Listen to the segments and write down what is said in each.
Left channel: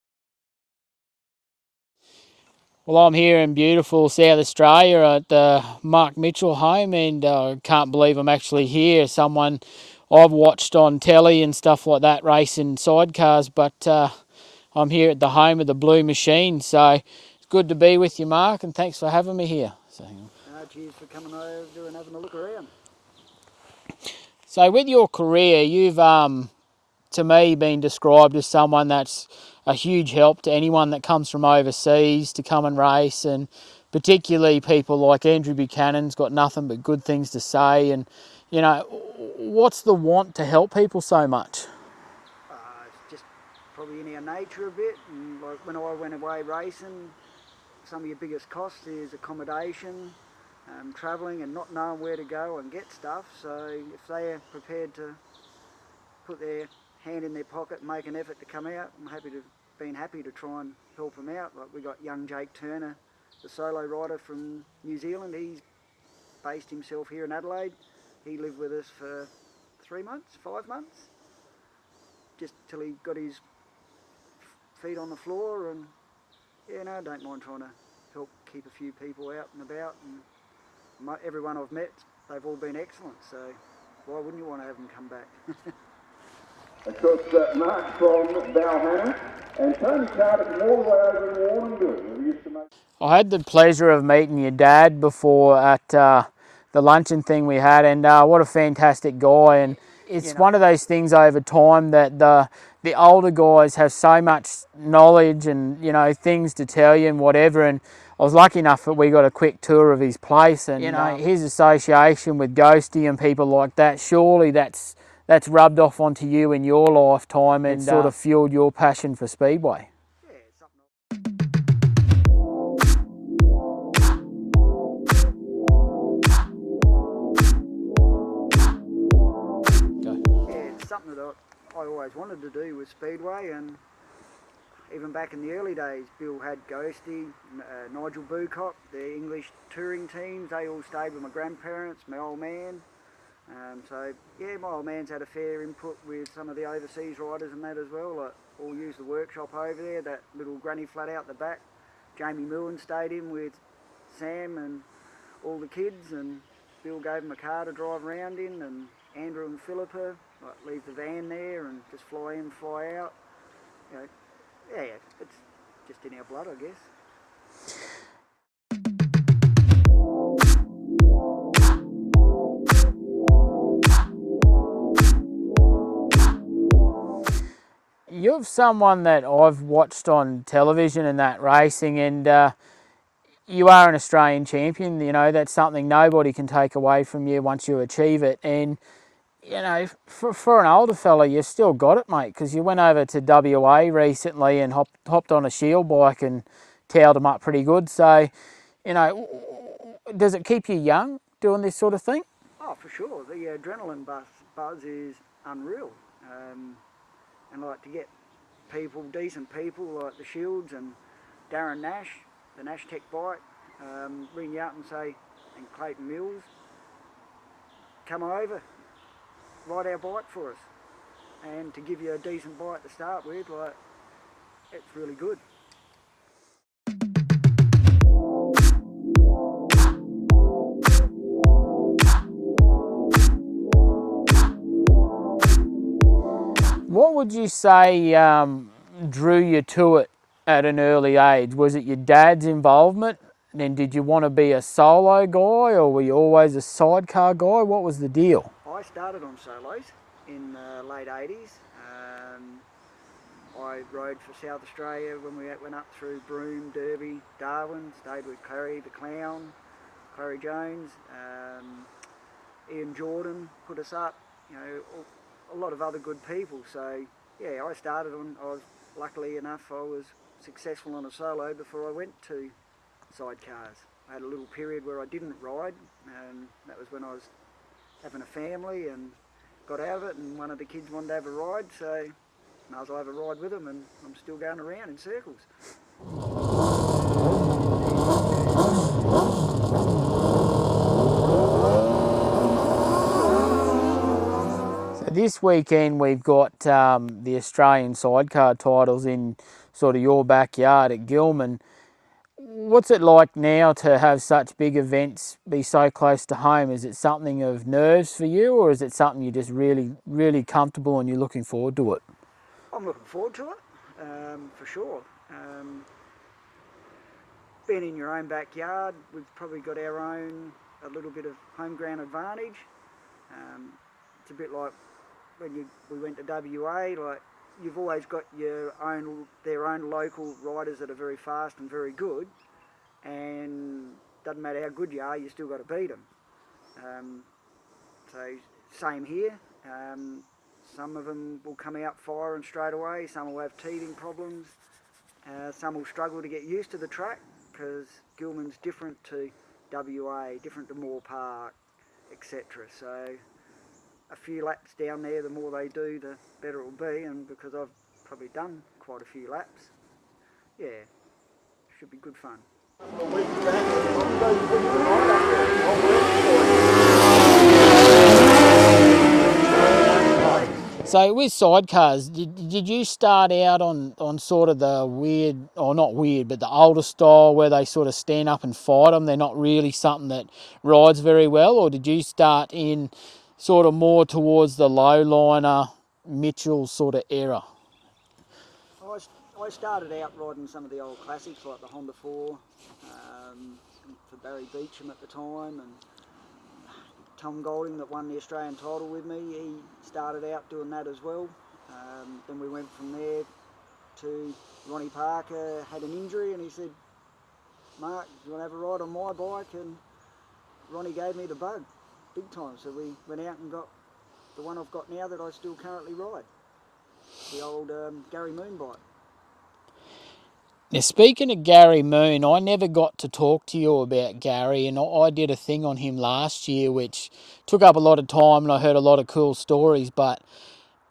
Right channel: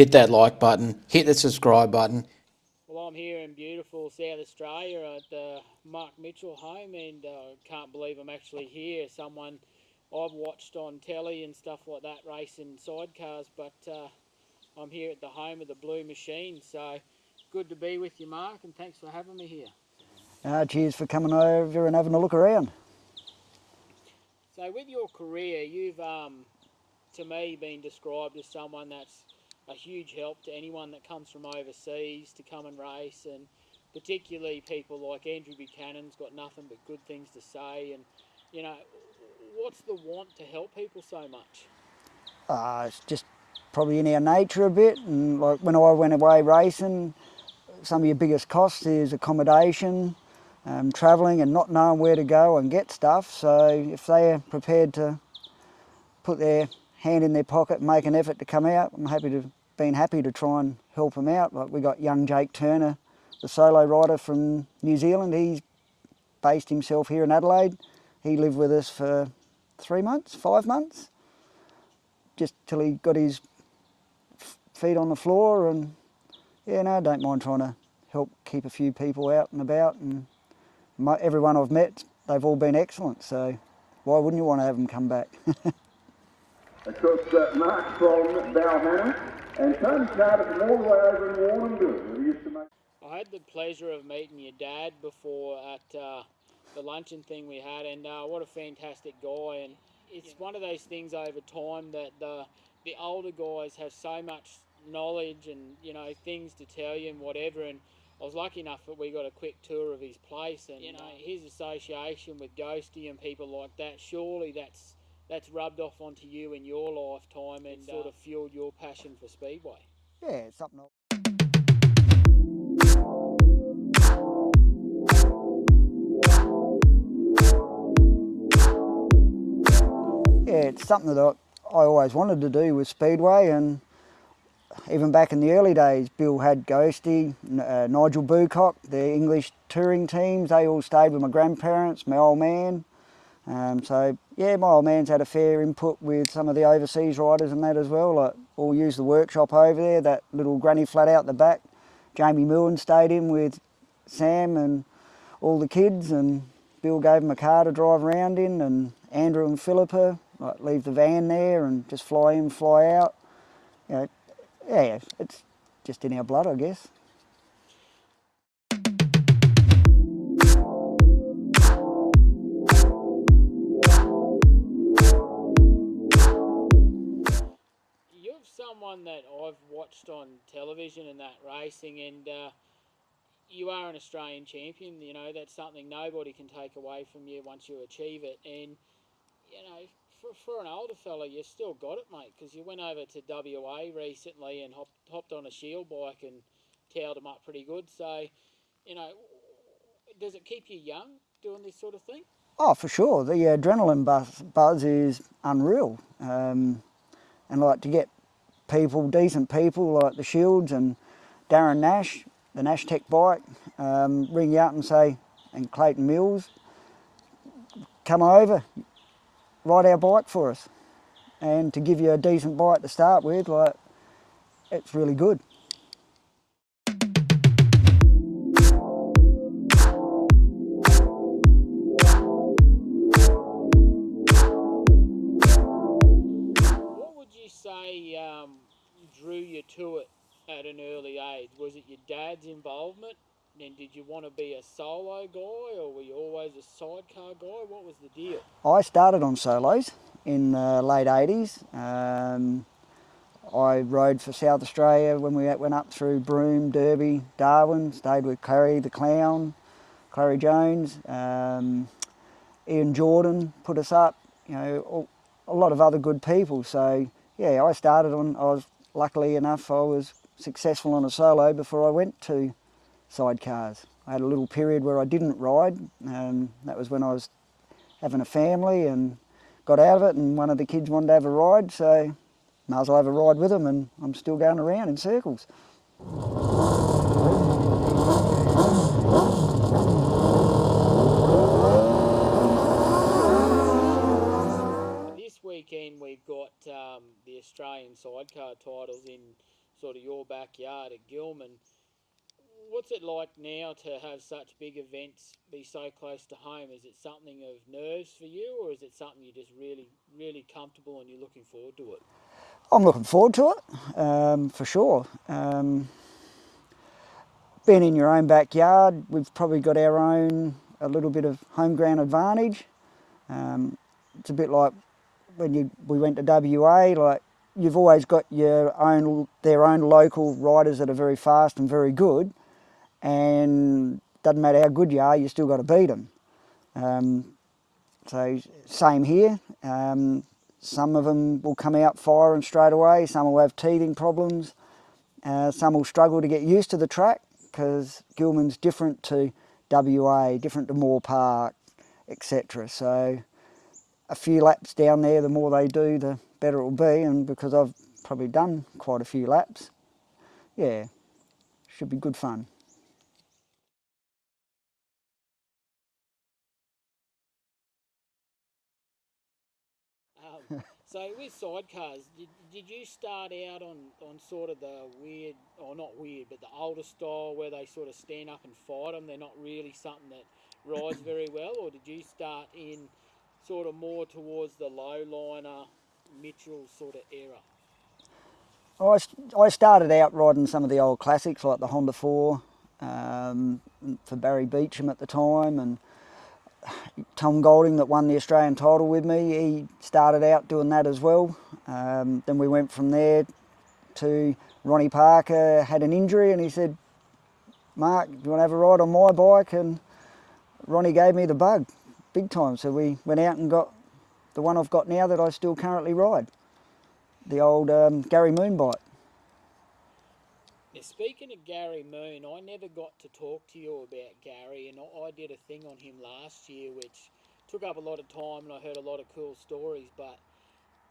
hit that like button, hit the subscribe button. Well, I'm here in beautiful South Australia at the Mark Mitchell home, and I can't believe I'm actually here. Someone I've watched on telly and stuff like that racing sidecars, but I'm here at the home of the Blue Machine. So it's good to be with you, Mark, and thanks for having me here. Cheers for coming over and having a look around. So with your career, you've, to me, been described as someone that's a huge help to anyone that comes from overseas to come and race, and particularly people like Andrew Buchanan's got nothing but good things to say. And, you know, what's the want to help people so much? It's just probably in our nature a bit, and like when I went away racing, some of your biggest costs is accommodation, travelling and not knowing where to go and get stuff. So if they're prepared to put their hand in their pocket and make an effort to come out, I'm happy to try and help them out. Like we got young Jake Turner, the solo rider from New Zealand. He's based himself here in Adelaide. He lived with us for 5 months, just till he got his feet on the floor. And yeah, no, I don't mind trying to help keep a few people out and about. And everyone I've met, they've all been excellent. So why wouldn't you want to have them come back? Of course, Mark from Balmain and Tony started more over in Warrnambool. I had the pleasure of meeting your dad before at the luncheon thing we had, and what a fantastic guy. And it's one of those things over time that the older guys have so much knowledge and, you know, things to tell you and whatever. And I was lucky enough that we got a quick tour of his place, and you know, his association with Ghosty and people like that, surely that's rubbed off onto you in your lifetime and sort of fueled your passion for Speedway. Yeah, it's something. It's something that I always wanted to do with Speedway, and even back in the early days, Bill had Ghosty, Nigel Bucock, their English touring teams, they all stayed with my grandparents, my old man. So yeah, my old man's had a fair input with some of the overseas riders and that as well. Like, all used the workshop over there, that little granny flat out the back. Jamie Millen stayed in with Sam and all the kids, and Bill gave him a car to drive around in, and Andrew and Philippa like leave the van there and just fly in, fly out. You know, yeah, it's just in our blood, I guess. You're someone that I've watched on television and that racing, and you are an Australian champion. You know, that's something nobody can take away from you once you achieve it. And, you know, for an older fella, you've still got it, mate, because you went over to WA recently and hopped on a shield bike and towed them up pretty good. So, you know, does it keep you young doing this sort of thing? Oh, for sure. The adrenaline buzz is unreal. And like to get people, decent people like the Shields and Darren Nash, the Nash Tech bike, ring you up and say, and Clayton Mills, come over, ride our bike for us. And to give you a decent bike to start with, like, it's really good. What would you say drew you to it at an early age? Was it your dad's involvement? And did you want to be a solo guy, or were you always a sidecar guy? What was the deal? I started on solos in the late 80s. I rode for South Australia when we went up through Broome, Derby, Darwin, stayed with Clary the Clown, Clary Jones, Ian Jordan put us up, you know, a lot of other good people. So yeah, I was luckily enough, I was successful on a solo before I went to sidecars. I had a little period where I didn't ride, that was when I was having a family and got out of it, and one of the kids wanted to have a ride, so might as well have a ride with them, and I'm still going around in circles. This weekend we've got the Australian sidecar titles in sort of your backyard at Gillman. What's it like now to have such big events be so close to home? Is it something of nerves for you, or is it something you're just really, really comfortable and you're looking forward to it? I'm looking forward to it, for sure. Being in your own backyard, we've probably got our own, a little bit of home ground advantage. It's a bit like when we went to WA, like you've always got their own local riders that are very fast and very good, and doesn't matter how good you are, you still got to beat them. So same here. Some of them will come out firing straight away, some will have teething problems, some will struggle to get used to the track because Gillman's different to WA, different to Moore Park, etc. So a few laps down there, the more they do, the better it will be, and because I've probably done quite a few laps, yeah, should be good fun. So with sidecars, did you start out on sort of the weird, or not weird, but the older style where they sort of stand up and fight them? They're not really something that rides very well, or did you start in sort of more towards the low liner, Mitchell sort of era? I started out riding some of the old classics like the Honda 4 for Barry Beecham at the time, and Tom Golding that won the Australian title with me, he started out doing that as well. Then we went from there to Ronnie Parker had an injury and he said, "Mark, do you want to have a ride on my bike?" And Ronnie gave me the bug, big time. So we went out and got the one I've got now that I still currently ride, the old Gary Moon bike. Now, speaking of Gary Moon, I never got to talk to you about Gary, and I did a thing on him last year which took up a lot of time and I heard a lot of cool stories, but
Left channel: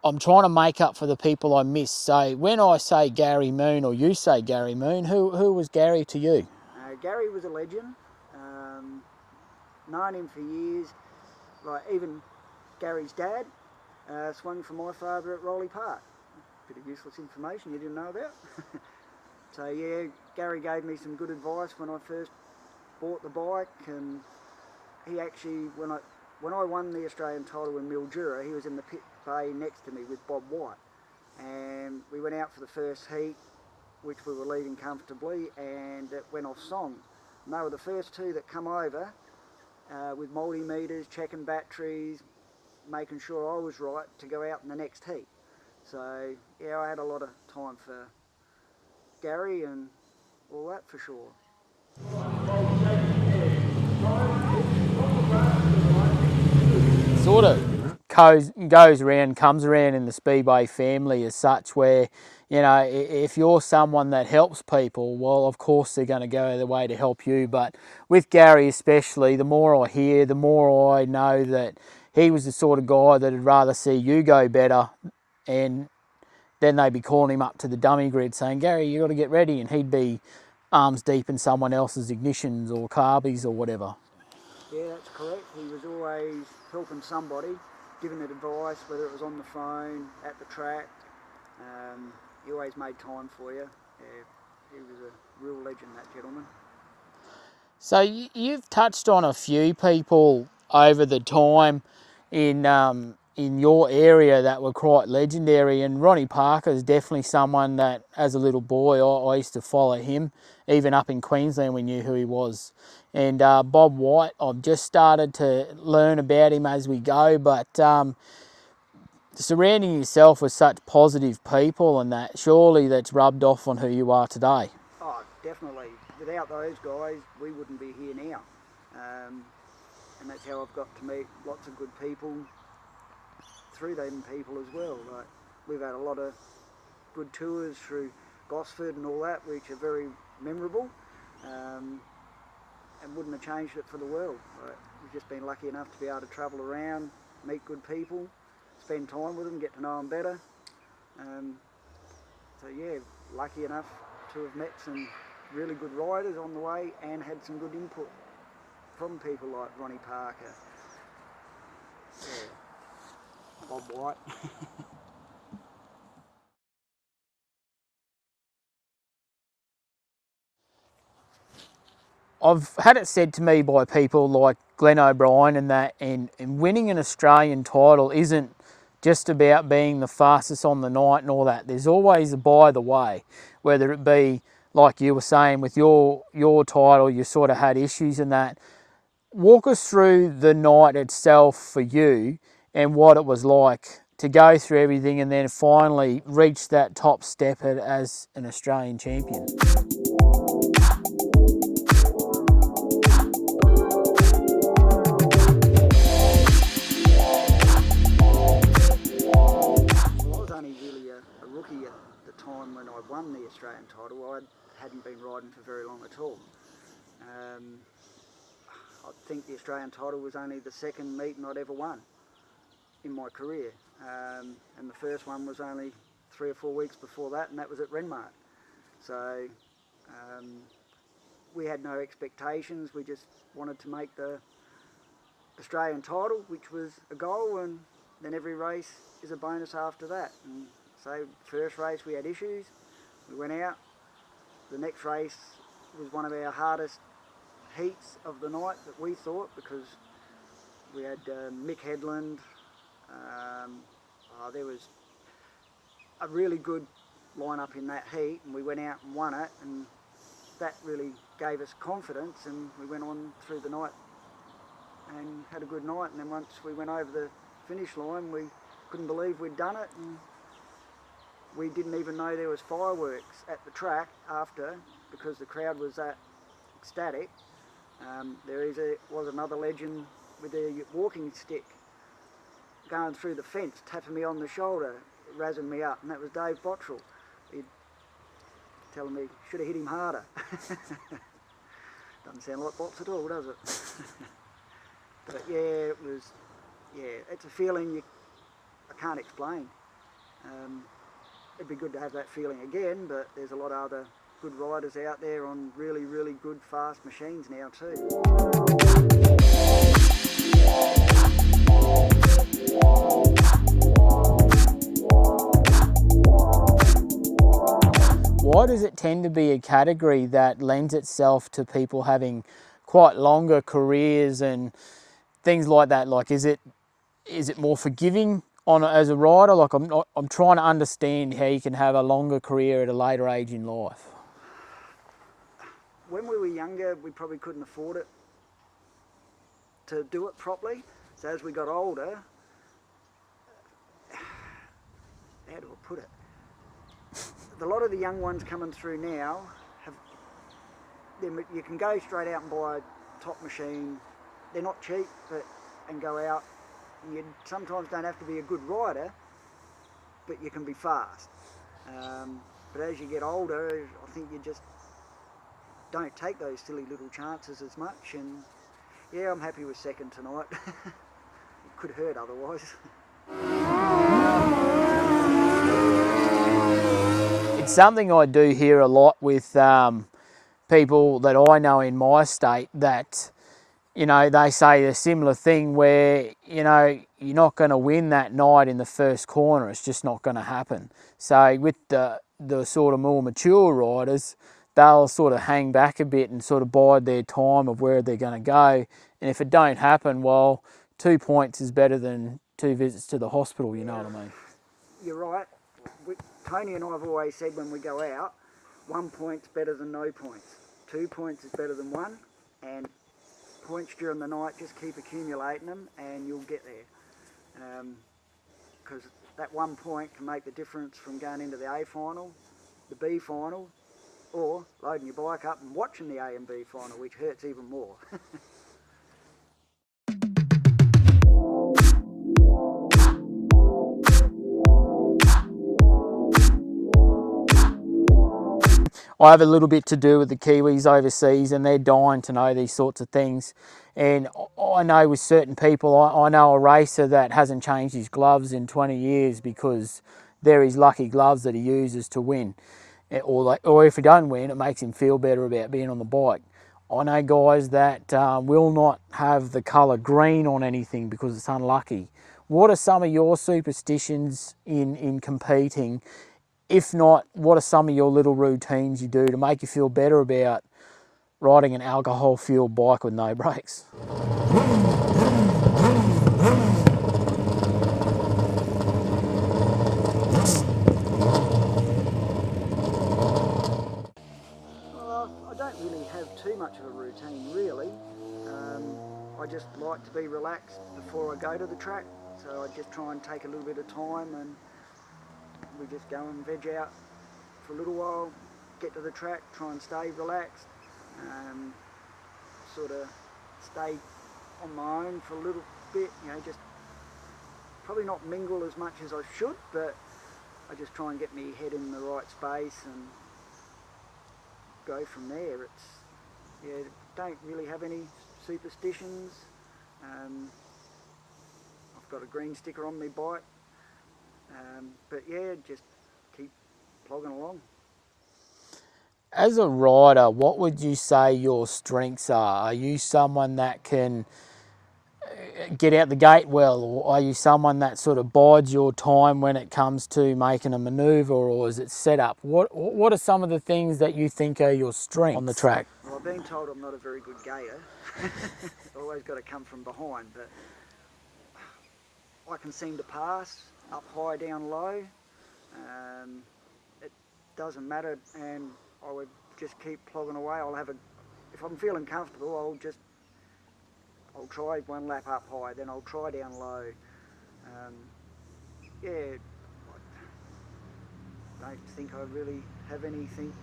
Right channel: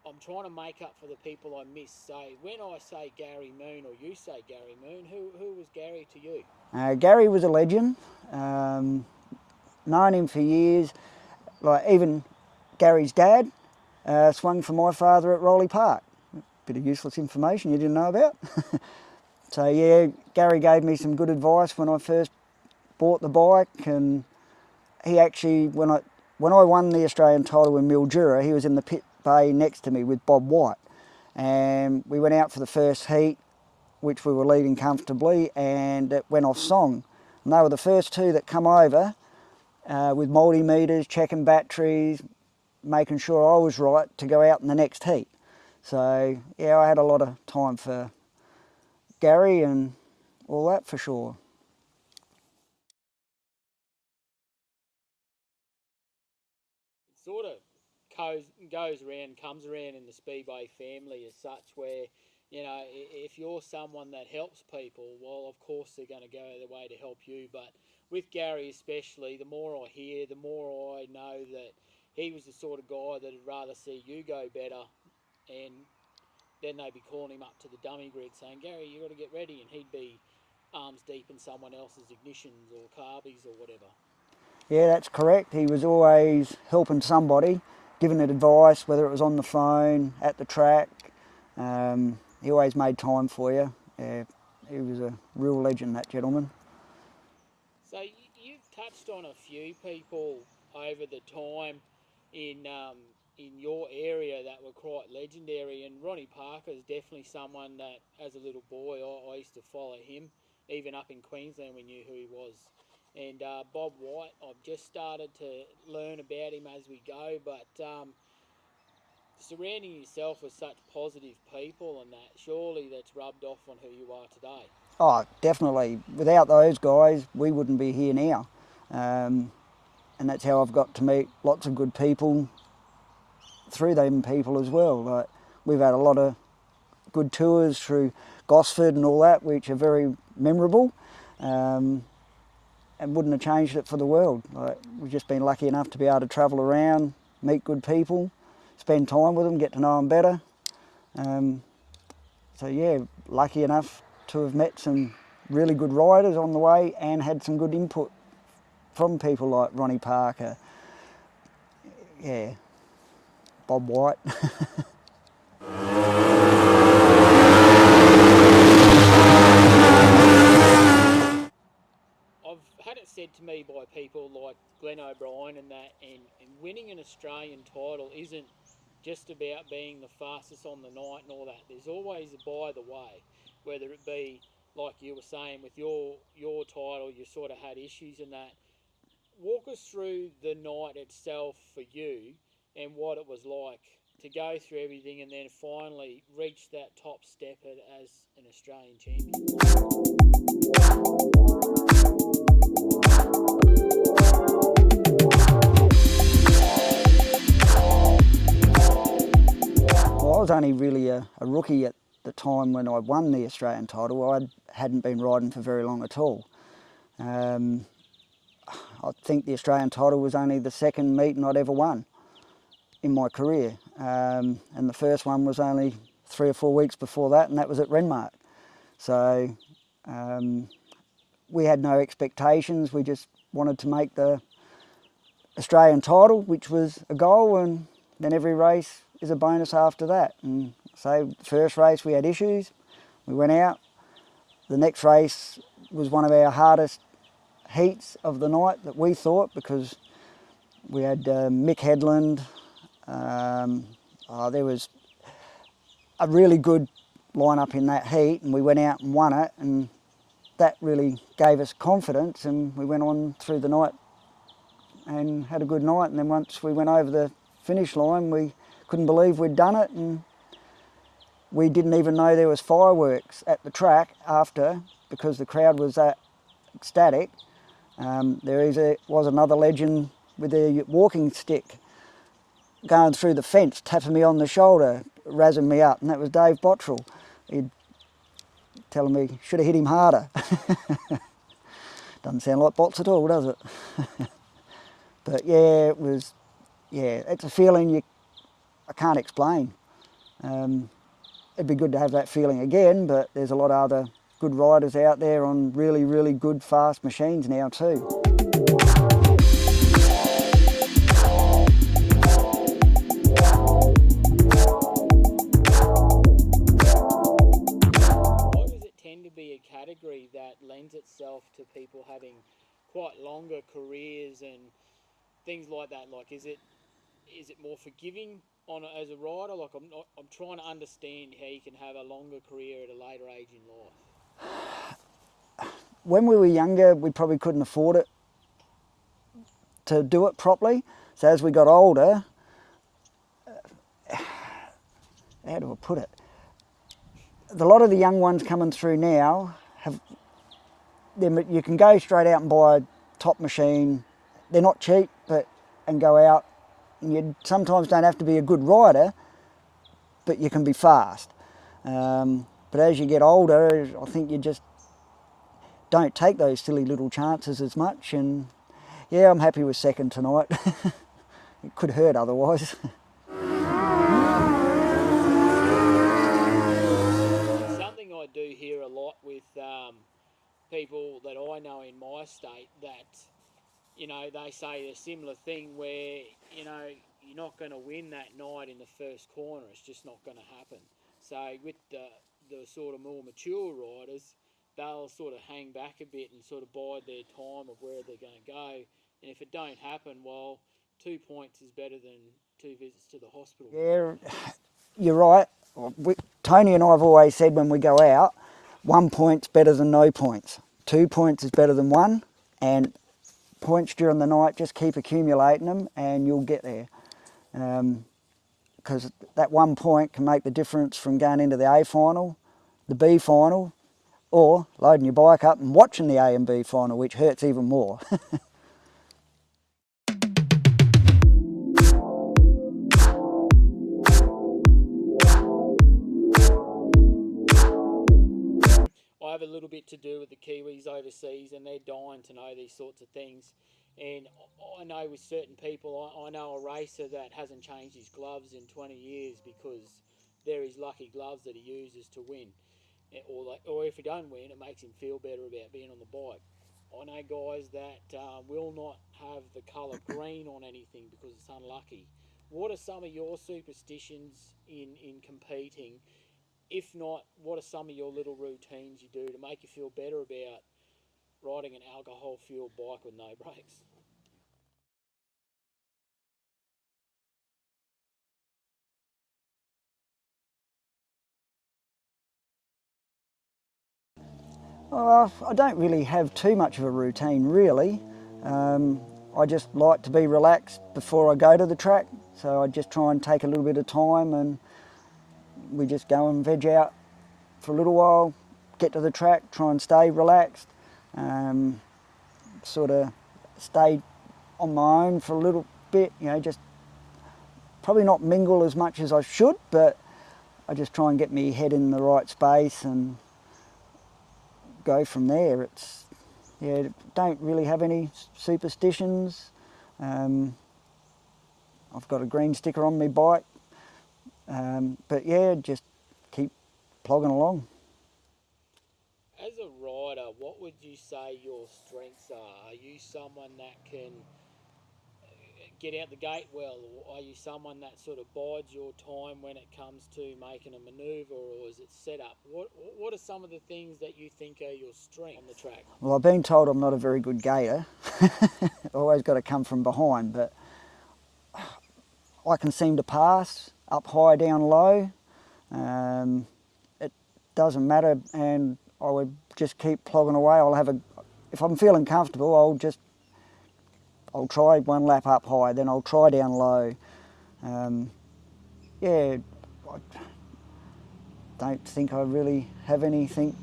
I'm trying to make up for the people I missed. So when I say Gary Moon, or you say Gary Moon, who was Gary to you? Gary was a legend. Known him for years. Like even Gary's dad swung for my father at Rowley Park. Bit of useless information you didn't know about. So yeah, Gary gave me some good advice when I first bought the bike, and he actually, when I won the Australian title in Mildura, he was in the pit bay next to me with Bob White, and we went out for the first heat, which we were leading comfortably, and it went off song. And they were the first two that come over with multimeters, checking batteries, making sure I was right to go out in the next heat. So yeah, I had a lot of time for Gary and all that for sure. Sort of goes around, comes around in the Speedway family as such, where, you know, if you're someone that helps people, well, of course they're going to go their way to help you. But with Gary especially, the more I hear, the more I know that he was the sort of guy that would rather see you go better, and then they'd be calling him up to the dummy grid saying, "Gary, you got to get ready," and he'd be arms deep in someone else's ignitions or carbies or whatever. Yeah, that's correct. He was always helping somebody, giving it advice, whether it was on the phone, at the track. He always made time for you. Yeah, he was a real legend, that gentleman. So you've touched on a few people over the time in your area that were quite legendary, and Ronnie Parker is definitely someone that, as a little boy, I used to follow him. Even up in Queensland, we knew who he was. And Bob White, I've just started to learn about him as we go, but surrounding yourself with such positive people and that, surely that's rubbed off on who you are today. Oh, definitely. Without those guys, we wouldn't be here now. And that's how I've got to meet lots of good people through them people as well. Like, we've had a lot of good tours through Gosford and all that, which are very memorable, and wouldn't have changed it for the world. Like, we've just been lucky enough to be able to travel around, meet good people, spend time with them, get to know them better. So yeah, lucky enough to have met some really good riders on the way and had some good input from people like Ronnie Parker, yeah, Bob White. I've had it said to me by people like Glenn O'Brien and winning an Australian title isn't just about being the fastest on the night and all that. There's always a by the way, whether it be like you were saying with your title, you sort of had issues in that. Walk us through the night itself for you and what it was like to go through everything and then finally reach that top step as an Australian champion. Well, I was only really a rookie at the time when I won the Australian title. I hadn't been riding for very long at all. I think the Australian title was only the second meeting I'd ever won in my career. And the first one was only 3 or 4 weeks before that, and that was at Renmark. So we had no expectations. We just wanted to make the Australian title, which was a goal, and then every race is a bonus after that. And so first race we had issues. We went out. The next race was one of our hardest heats of the night that we thought, because we had Mick Headland. There was a really good lineup in that heat, and we went out and won it, and that really gave us confidence, and we went on through the night and had a good night. And then once we went over the finish line, we couldn't believe we'd done it, and we didn't even know there was fireworks at the track after, because the crowd was that ecstatic. There was another legend with a walking stick going through the fence, tapping me on the shoulder, razzing me up, and that was Dave Bottrell. He'd telling me, should have hit him harder. Doesn't sound like Bots at all, does it? But yeah, it's a feeling I can't explain. It'd be good to have that feeling again, but there's a lot of other good riders out there on really, really good, fast machines now too. Why does it tend to be a category that lends itself to people having quite longer careers and things like that? Like, is it more forgiving as a rider? Like, I'm trying to understand how you can have a longer career at a later age in life. When we were younger, we probably couldn't afford it to do it properly. So as we got older, how do I put it? A lot of the young ones coming through now you can go straight out and buy a top machine. They're not cheap, and go out, and you sometimes don't have to be a good rider, but you can be fast. But as you get older, I think you just don't take those silly little chances as much. And yeah, I'm happy with second tonight. It could hurt otherwise. It's something I do hear a lot with people that I know in my state, that, you know, they say a similar thing where, you know, you're not going to win that night in the first corner. It's just not going to happen. So with the sort of more mature riders, they'll sort of hang back a bit and sort of bide their time of where they're going to go. And if it don't happen, well, 2 points is better than 2 visits to the hospital, you know what I mean? You're right. Tony and I have always said when we go out, 1 point's better than no points. 2 points is better than 1, and points during the night, just keep accumulating them and you'll get there. Because that 1 point can make the difference from going into the A final, the B final, or loading your bike up and watching the A and B final, which hurts even more. I have a little bit to do with the Kiwis overseas, and they're dying to know these sorts of things. And I know with certain people, I know a racer that hasn't changed his gloves in 20 years because they're his lucky gloves that he uses to win. Or if he don't win, it makes him feel better about being on the bike. I know guys that will not have the colour green on anything because it's unlucky. What are some of your superstitions in competing? If not, what are some of your little routines you do to make you feel better about riding an alcohol-fueled bike with no brakes. I don't really have too much of a routine, really. I just like to be relaxed before I go to the track, so I just try and take a little bit of time, and we just go and veg out for a little while, get to the track, try and stay relaxed, sort of stay on my own for a little bit, you know, just probably not mingle as much as I should, but I just try and get my head in the right space and go from there. It's, yeah, don't really have any superstitions. I've got a green sticker on my bike, but yeah, just keep plogging along. As a rider, what would you say your strengths are? Are you someone that can get out the gate well, or are you someone that sort of bides your time when it comes to making a manoeuvre, or is it setup? What are some of the things that you think are your strengths on the track? Well, I've been told I'm not a very good gator. I've always got to come from behind, but I can seem to pass up high, down low. It doesn't matter, and I would just keep plogging away. If I'm feeling comfortable, I'll try one lap up high, then I'll try down low. Yeah, I don't think I really have anything.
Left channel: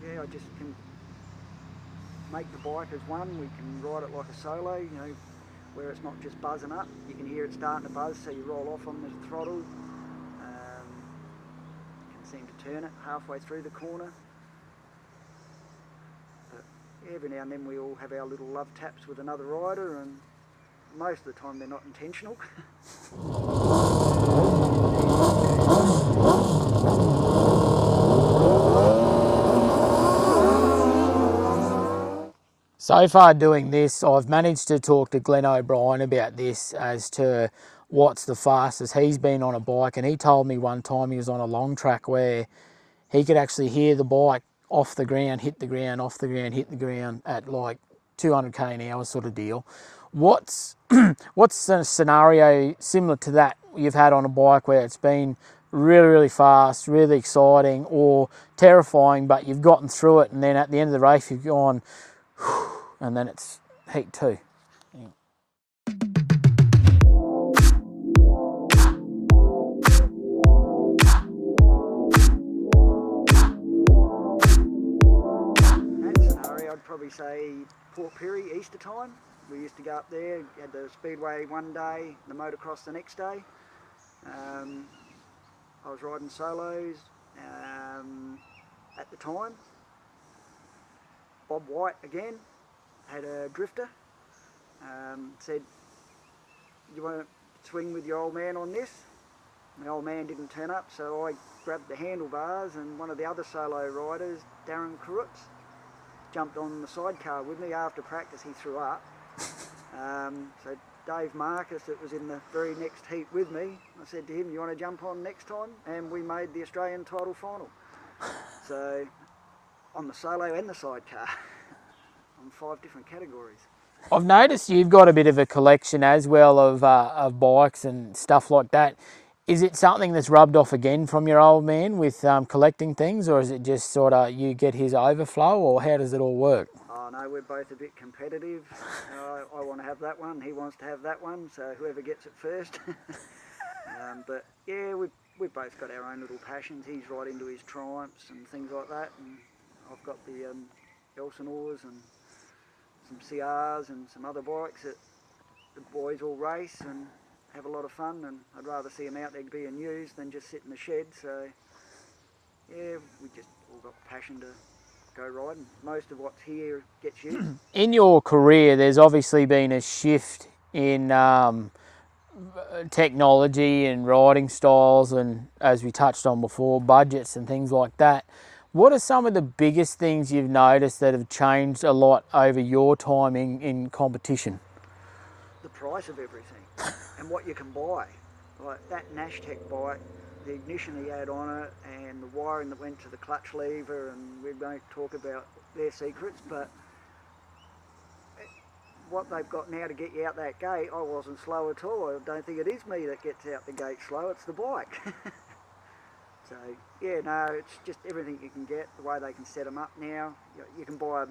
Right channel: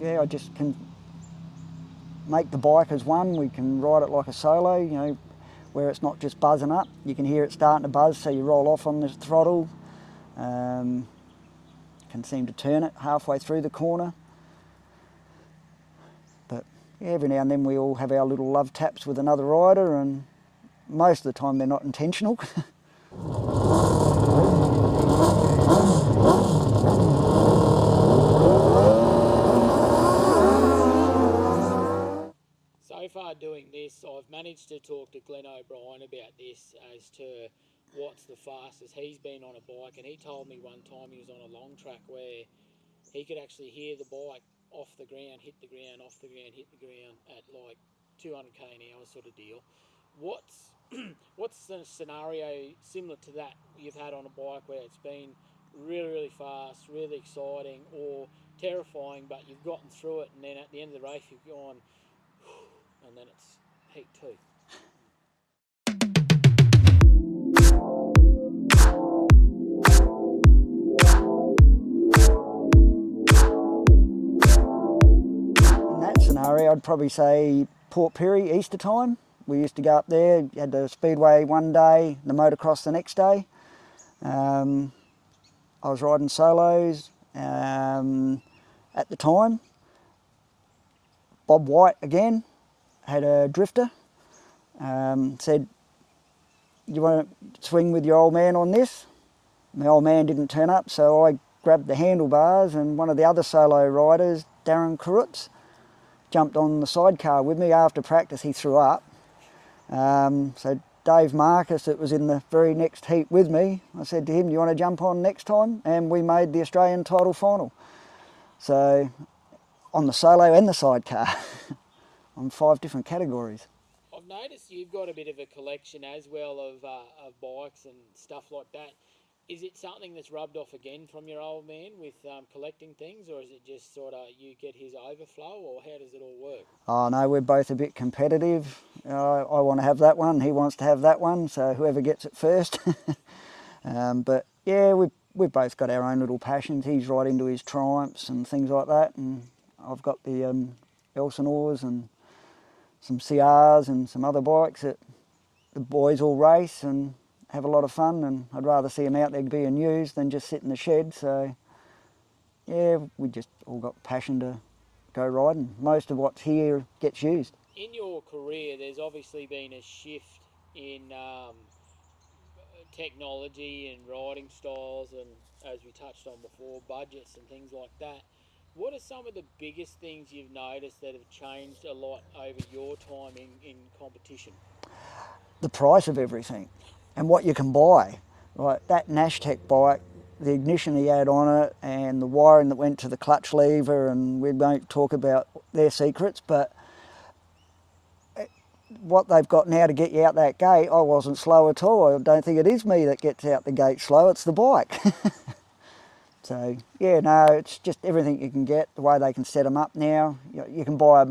Yeah, I just can make the bike as one. We can ride it like a solo, you know, where it's not just buzzing up. You can hear it starting to buzz, so you roll off on the throttle. Can seem to turn it halfway through the corner. But yeah, every now and then we all have our little love taps with another rider, and most of the time they're not intentional. So far doing this, I've managed to talk to Glenn O'Brien about this as to what's the fastest he's been on a bike, and he told me one time he was on a long track where he could actually hear the bike off the ground, hit the ground, off the ground, hit the ground at like 200k an hour sort of deal. What's a scenario similar to that you've had on a bike where it's been really, really fast, really exciting or terrifying, but you've gotten through it, and then at the end of the race you've gone, and then it's heat 2? I'd probably say Port Pirie, Easter time. We used to go up there, had the Speedway one day, the motocross the next day. I was riding solos at the time. Bob White again had a drifter, said, "You want to swing with your old man on this?" My old man didn't turn up, so I grabbed the handlebars, and one of the other solo riders, Darren Kurutz, jumped on the sidecar with me. After practice he threw up. So Dave Marcus, that was in the very next heat with me, I said to him, "Do you want to jump on next time?" And we made the Australian title final. So on the solo and the sidecar, on 5 different categories. I've noticed you've got a bit of a collection as well of bikes and stuff like that. Is it something that's rubbed off again from your old man with collecting things, or is it just sort of you get his overflow, or how does it all work? Oh no, we're both a bit competitive. I want to have that one, he wants to have that one, so whoever gets it first. But yeah, we've both got our own little passions. He's right into his Triumphs and things like that, and I've got the Elsinores and some CRs and some other bikes that the boys all race and have a lot of fun, and I'd rather see them out there being used than just sit in the shed. So yeah, we just all got passion to go riding. Most of what's here gets used. In your career, there's obviously been a shift in technology and riding styles, and as we touched on before, budgets and things like that. What are some of the biggest things you've noticed that have changed a lot over your time in competition? The price of everything and what you can buy. Like that Nashtec bike the ignition he had on it and the wiring that went to the clutch lever, and we won't talk about their secrets, but what they've got now to get you out that gate, I wasn't slow at all. I don't think it is me that gets out the gate slow, it's the bike. So, yeah, no, it's just everything you can get, the way they can set them up now. You can buy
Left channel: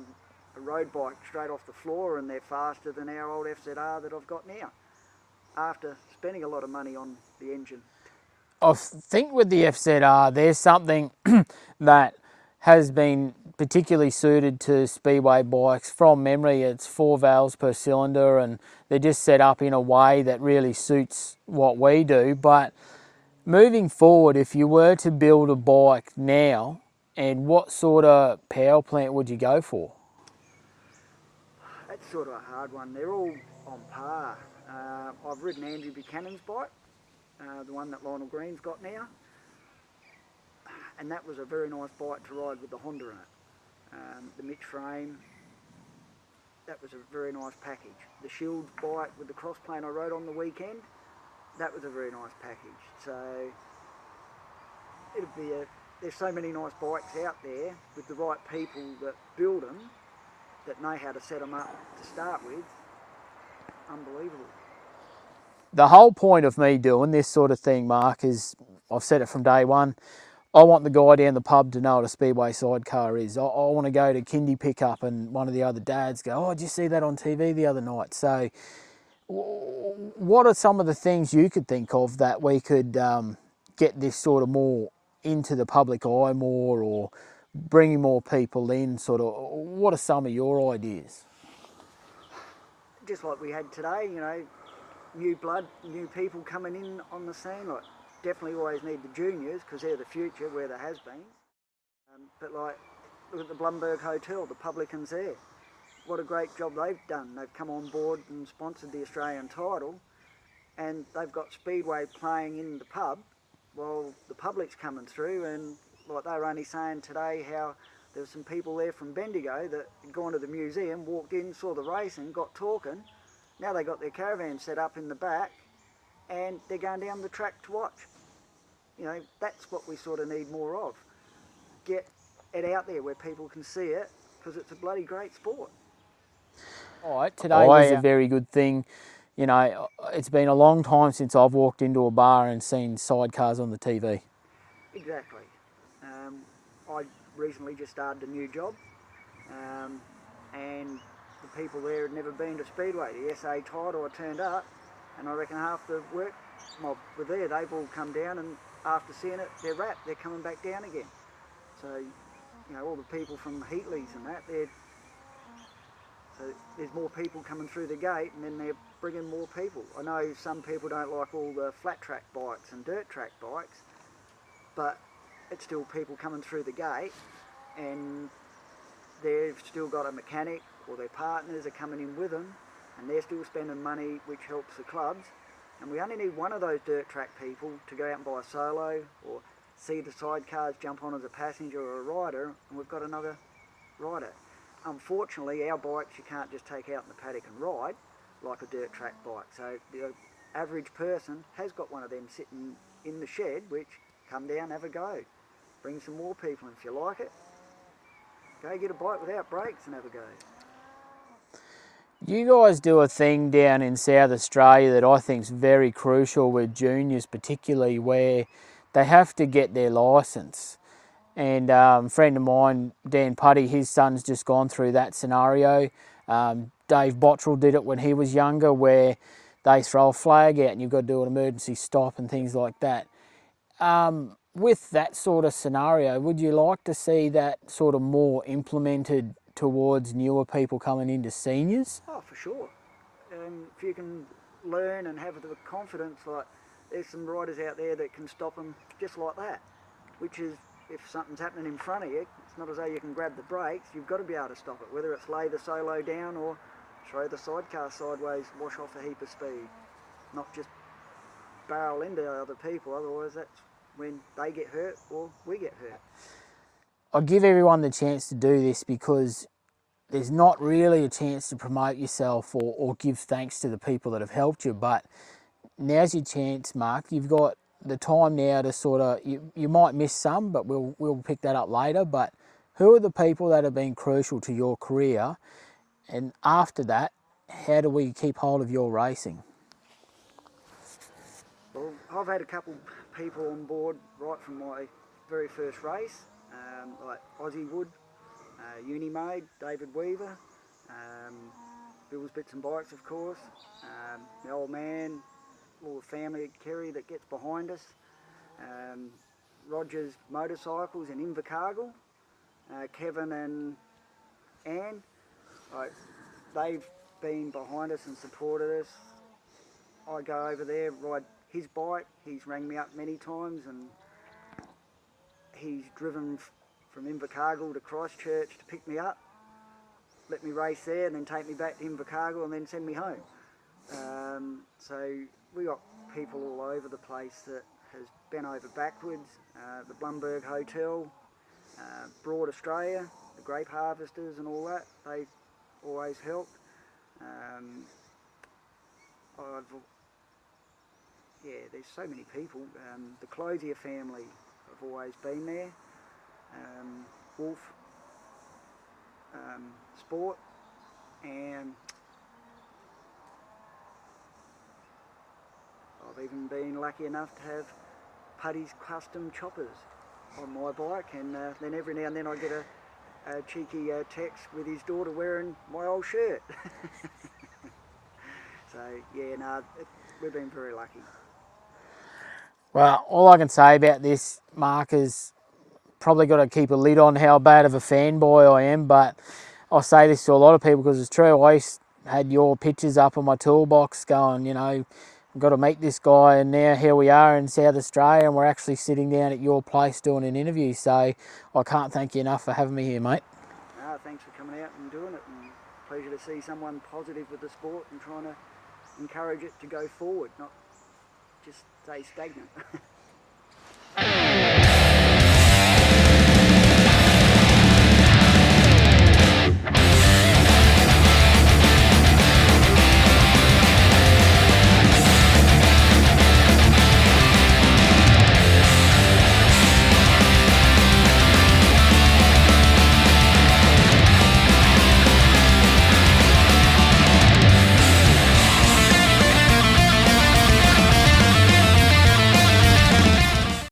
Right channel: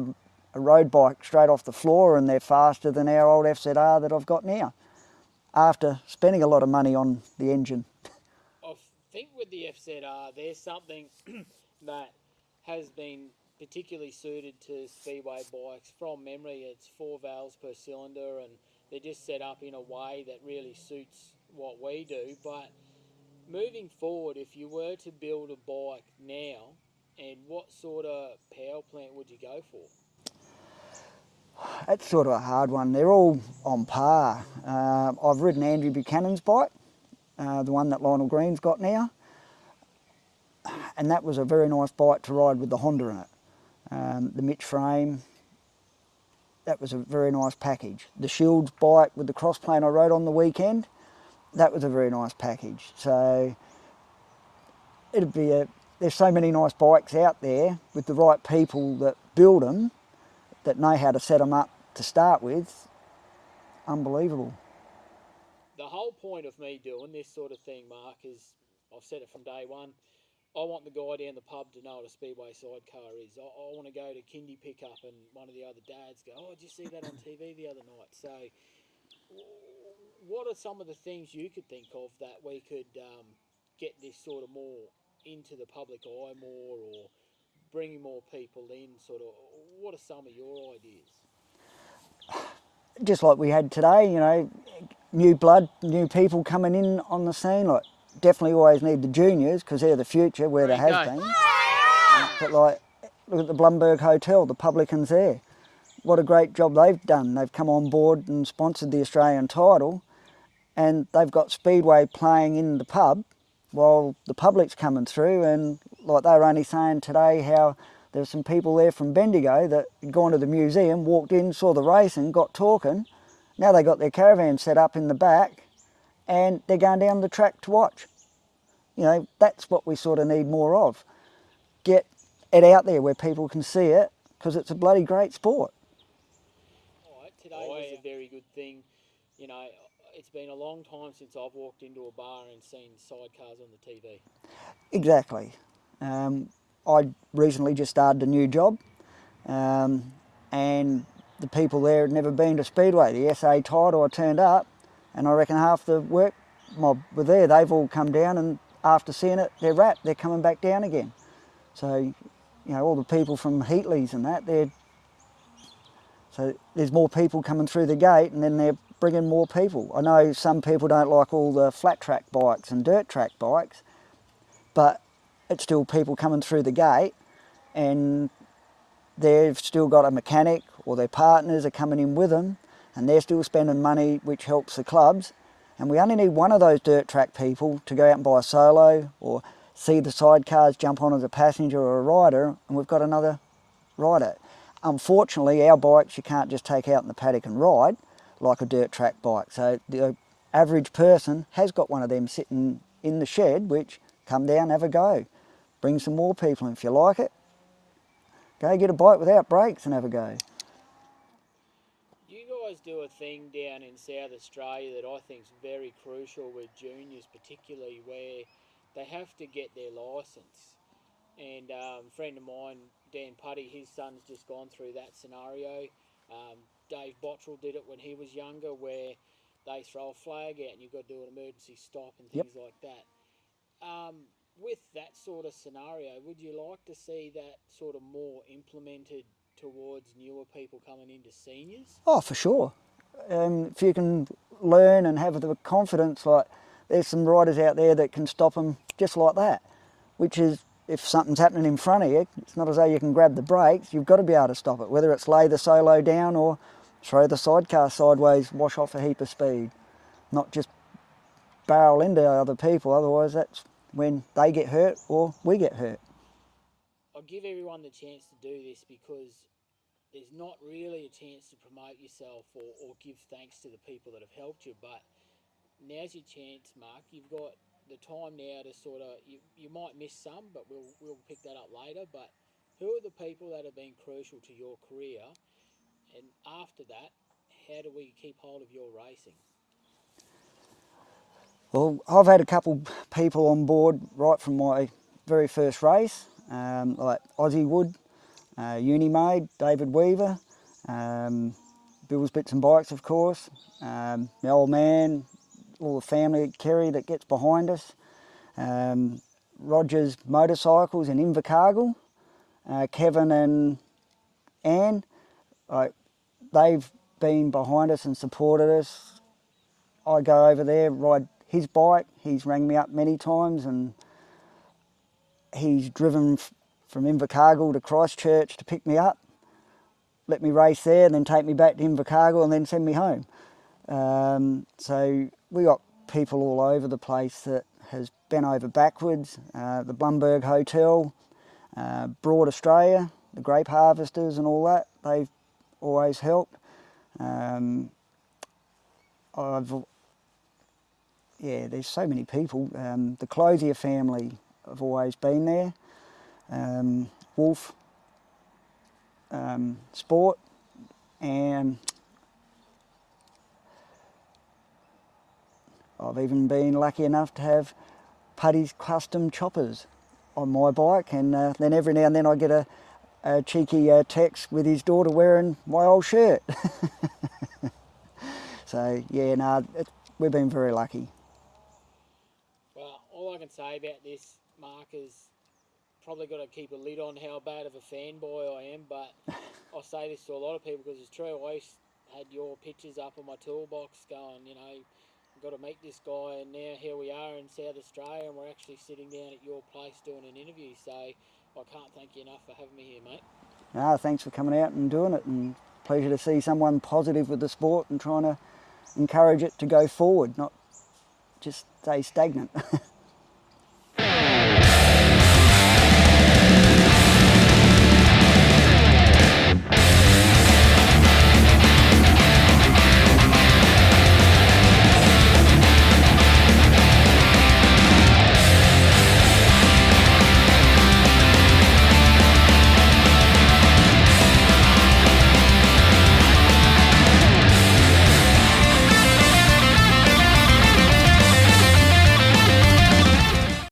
a road bike straight off the floor and they're faster than our old FZR that I've got now, after spending a lot of money on the engine. I think with the FZR, there's something that has been particularly suited to speedway bikes. From memory, it's 4 valves per cylinder, and they're just set up in a way that really suits what we do. But moving forward, if you were to build a bike now, and what sort of power plant would you go for? That's sort of a hard one. They're all on par. I've ridden Andrew Buchanan's bike, the one that Lionel Green's got now, and that was a very nice bike to ride with the Honda in it. The Mitch frame, that was a very nice package. The Shields bike with the crossplane I rode on the weekend, that was a very nice package. So it'd be there's so many nice bikes out there with the right people that build them, that know how to set them up to start with. Unbelievable. The whole point of me doing this sort of thing, Mark, is, I've said it from day one, I want the guy down the pub to know what a Speedway sidecar is. I want to go to kindy pickup and one of the other dads go, oh, did you see that on TV the other night? So what are some of the things you could think of that we could get this sort of more into the public eye more, or bringing more people in, sort of? What are some of your ideas? Just like we had today, you know, new blood, new people coming in on the scene. Like, definitely always need the juniors, because they're the future, where there has been. But like, look at the Blumberg Hotel, the publicans there. What a great job they've done. They've come on board and sponsored the Australian title, and they've got Speedway playing in the pub while the public's coming through. And like, they were only saying today how there were some people there from Bendigo that had gone to the museum, walked in, saw the race and got talking. Now they got their caravan set up in the back and they're going down the track to watch. You know, that's what we sort of need more of. Get it out there where people can see it, because it's a bloody great sport. All right, today was a very good thing. You know, it's been a long time since I've walked into a bar and seen sidecars on the TV. Exactly. I recently just started a new job, and the people there had never been to Speedway. The SA title, I turned up, and I reckon half the work mob were there. They've all come down, and after seeing it, they're wrapped. They're coming back down again. So, you know, all the people from Heatley's and that, so there's more people coming through the gate, and then they're bringing more people. I know some people don't like all the flat track bikes and dirt track bikes, but it's still people coming through the gate, and they've still got a mechanic, or their partners are coming in with them, and they're still spending money, which helps the clubs. And we only need one of those dirt track people to go out and buy a solo, or see the sidecars, jump on as a passenger or a rider, and we've got another rider. Unfortunately, our bikes you can't just take out in the paddock and ride like a dirt track bike. So the average person has got one of them sitting in the shed, which, come down, have a go. Bring some more people in if you like it. Go get a bike without brakes and have a go. You guys do a thing down in South Australia that I think is very crucial with juniors particularly, where they have to get their licence. And a friend of mine, Dan Puddy, his son's just gone through that scenario. Dave Bottrell did it when he was younger, where they throw a flag out and you've got to do an emergency stop and things like that. With that sort of scenario, would you like to see that sort of more implemented towards newer people coming into seniors? Oh, for sure. If you can learn and have the confidence, like, there's some riders out there that can stop them just like that, which is, if something's happening in front of you, it's not as though you can grab the brakes, you've got to be able to stop it, whether it's lay the solo down or throw the sidecar sideways, wash off a heap of speed, not just barrel into other people, otherwise that's when they get hurt or we get hurt. I give everyone the chance to do this because there's not really a chance to promote yourself or give thanks to the people that have helped you, but now's your chance, Mark. You've got the time now to sort of, you might miss some, but we'll pick that up later, but who are the people that have been crucial to your career? And after that, how do we keep hold of your racing? Well, I've had a couple people on board right from my very first race, like Aussie Wood, Unimade, David Weaver, Bill's Bits and Bikes, of course, my old man, all the family, Kerry that gets behind us, Roger's Motorcycles in Invercargill, Kevin and Anne, they've been behind us and supported us. I go over there, ride his bike. He's rang me up many times, and he's driven from Invercargill to Christchurch to pick me up, let me race there, and then take me back to Invercargill and then send me home. So we got people all over the place that has bent over backwards. The Blumberg Hotel, Broad Australia, the grape harvesters and all that, they've always helped. There's so many people. The Closier family have always been there. Wolf Sport, and I've even been lucky enough to have Puddy's custom choppers on my bike, and then every now and then I get a cheeky text with his daughter wearing my old shirt. So yeah, we've been very lucky. Well, all I can say about this, Mark, is probably got to keep a lid on how bad of a fanboy I am, but I say this to a lot of people because it's true. I had your pictures up on my toolbox going, you know, I've got to meet this guy, and now here we are in South Australia and we're actually sitting down at your place doing an interview, so I can't thank you enough for having me here, mate. Thanks for coming out and doing it, and pleasure to see someone positive with the sport and trying to encourage it to go forward, not just stay stagnant.